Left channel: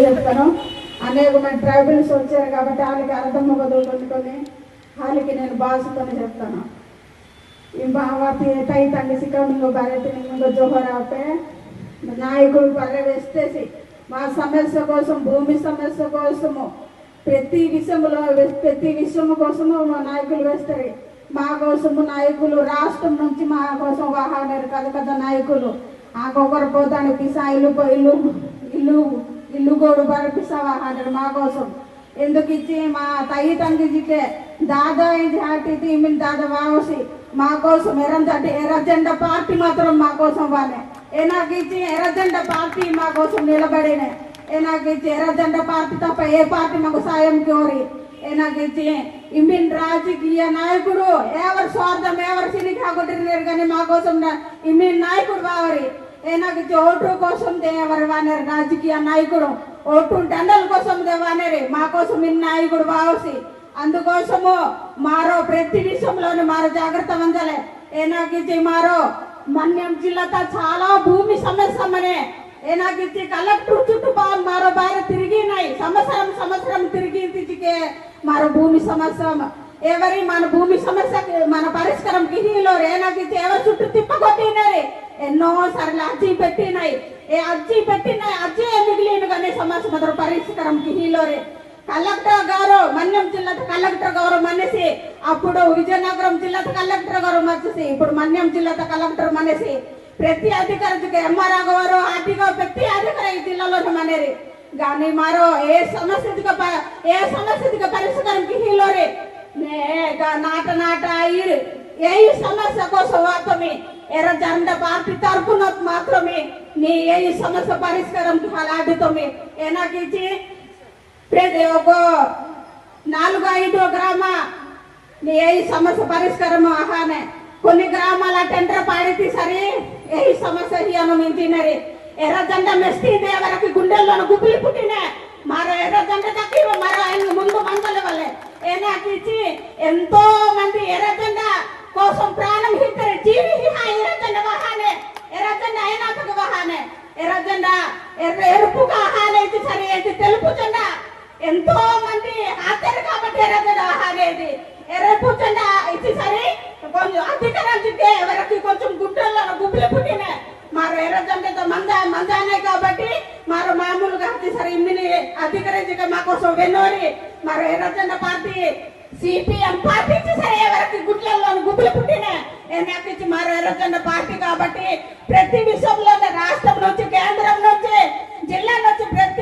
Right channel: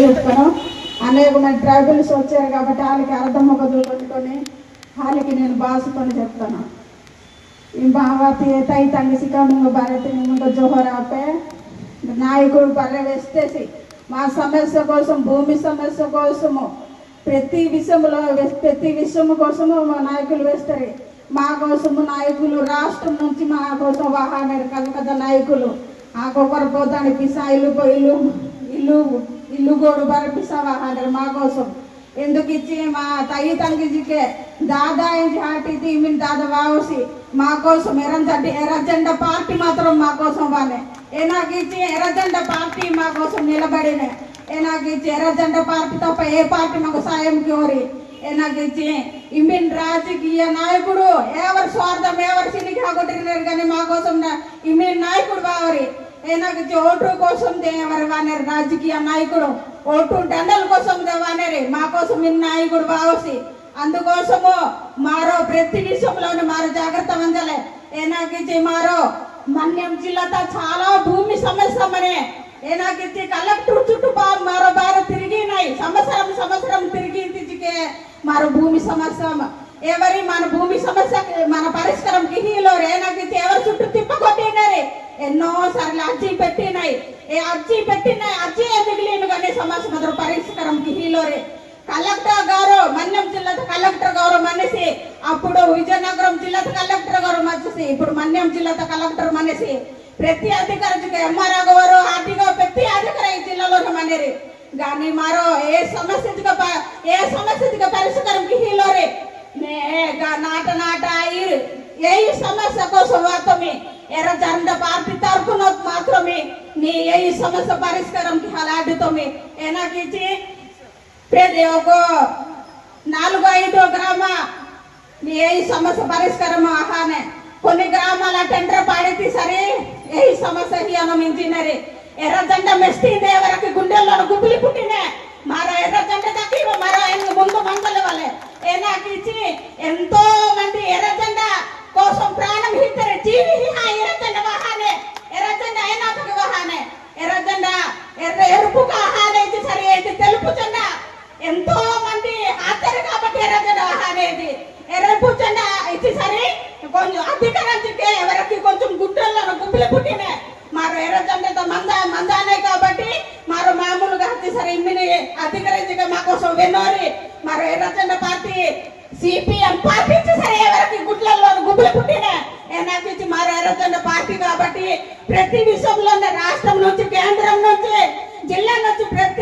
చెప్తాను. అనేకమైన ట్రైబల్స్ వచ్చారు కాబట్టి వాళ్ళకి అర్థం మొగదులు కొట్టుకొని వాళ్ళకి నేను భాషతోనే చెప్తాను. ఈ బావాతి తై తంగి సిక్కముంగ భారతి ముంగ జోహరాపే నాయకులు పర్యవేస్తేసి మా సమస్య కోసం, భూమి సమస్య కోసము, ప్రతి విషయము కోసము మా నాయకులు వేస్తారు. మా కోసము నాయకులు రాష్ట్రం నుంచి మా కోసం వాహనాలు పెద్ద నాయకులు ఆకొకరు పోతాను పిసా ఇల్లు గోడు పిసా వాహనాలు మా కోసం ఎందుకు ఇచ్చి మా తయ్యి తంగిజికే దాదా హాటిది మీన్ దాదా వావసి మా కోసం ఎర్రజెండ పార్టీ మాత్రం మా కోసం వానే ఏనాకిచ్చి ఎర్రజెండ పార్టీ మా కోసం నిలబడినే ఏనాకిచ్చి ఎర్రజెండ పార్టీ తప్ప ఏ పార్టీ మాకు సాయం కోరి ఏనాకిచ్చి ఇమ్మిన్ రాజకీయ నాయకుడు ఎవరి స్వార్థం ఎవరి సినికి ఆగొట్టినారు కానీ మా కోసం ఇమ్మిన్ నాయకుడు వారి ఏనాకిచ్చి ఓటు కోసం ఎవరు వానేరు రాజకీయ నాయకుడు ఓటు దండల కోసం దేవానేరి మా కోసం ఈ నాయకుడు వావసి అందుకోసము మారో ప్రతి విషయంలోనే మారో జాగ్రత్త వంచాలి. ఏనాకిచ్చి మారో మన్యం జిల్లాతో చాలా భూమి సమస్య మనే ఏనాకిచ్చి కలెక్టర్ చుట్టూ మారో బాగా తిరిగినాయి సంవత్సరం తిరిగి మారో భూమి సమస్య ఎవరి మన భూమి సమస్య మన పరిష్కారం కిహీలో ఏనాకిచ్చి ఎవరి చుట్టూ తిప్పకొట్టినారు ఎన్నో సార్లు అర్జీ పెట్టినాయి అర్జీ మిగిలిన కానీ సమస్య మాత్రం పరిష్కారం కిహీలోరే కలెక్టర్ గారు మన్యం జిల్లా కలెక్టర్ గారు మనిషి అప్పుడు విజయనగరం జిల్లా కలెక్టర్ గారు మనిషి ఇప్పుడు మన్యం జిల్లా కలెక్టర్ మనిషి ప్రతి అధికారికి ఎంఆర్ఓ గారు ఆర్టీఓ ప్రతి అధికారి ఈ జిల్లాలోనే మనేరి కానీ మారో ఏ సమస్య పరిష్కారం కిహీలోరే నాట ఏ సమస్య కోసం మాత్రమే ఎర్రజెండ పార్టీ తరఫున మాత్రమే నీ ఏ సమస్య పరిష్కారం ఆడుతోమే ఏనాకిచ్చి ఒక 4-5 గ్రామ నీ ఏ సమస్య పరిష్కారం ఆహానే కొన్ని గ్రామాల టెండర్ పాడితే సరే ఏ సమస్య అనుమించినరి ఎర్రజెండ మెస్టిందే వరకు గుండెల్లో గుబులి పుట్టినే మరో ఎర్రజెండ తక్కువ మరో ముందు మందల వల్లే ఏనాకిచ్చి ఎంతో మంది ఎర్రజెండ కోసం ప్రాణం హిద్దరు జీవి ఎర్రజెండ వాహానే ఎర్రజెండ అయినాక వాహానే ఎర్రజెండ ఎరుపుగా ఆహానే ఇచ్చి సరే అయితే తెలుపు జెండ ఎంతో మంది ఆచారు కాబట్టి ఎర్రజెండ ఆహానేది ఎర్రపు జెండ ఇచ్చి సరే కొంచెం అధికారానికి ఎవరికి కొంచెం గుట్టల్లో గుబ్బులు పుట్టినే మారు ఎర్రజెండ మందానే కాబట్టి మారు మామూలుగా సరే ఇమ్మిని అధికారించగా మా కోసం వెన్నోరి మారు ఎర్రజెండ పార్టీ సిపిఎం పార్టీ సరే ఎవరికి గుట్లలో గుబ్బులు పుట్టినే నాకు ఇచ్చి మారు ఎర్రజెండ పార్టీ కాబట్టి ప్రతి విషయంలోనే రాష్ట్రం నుంచి కేంద్రం నుంచి జిల్లా నుంచి ప్రతి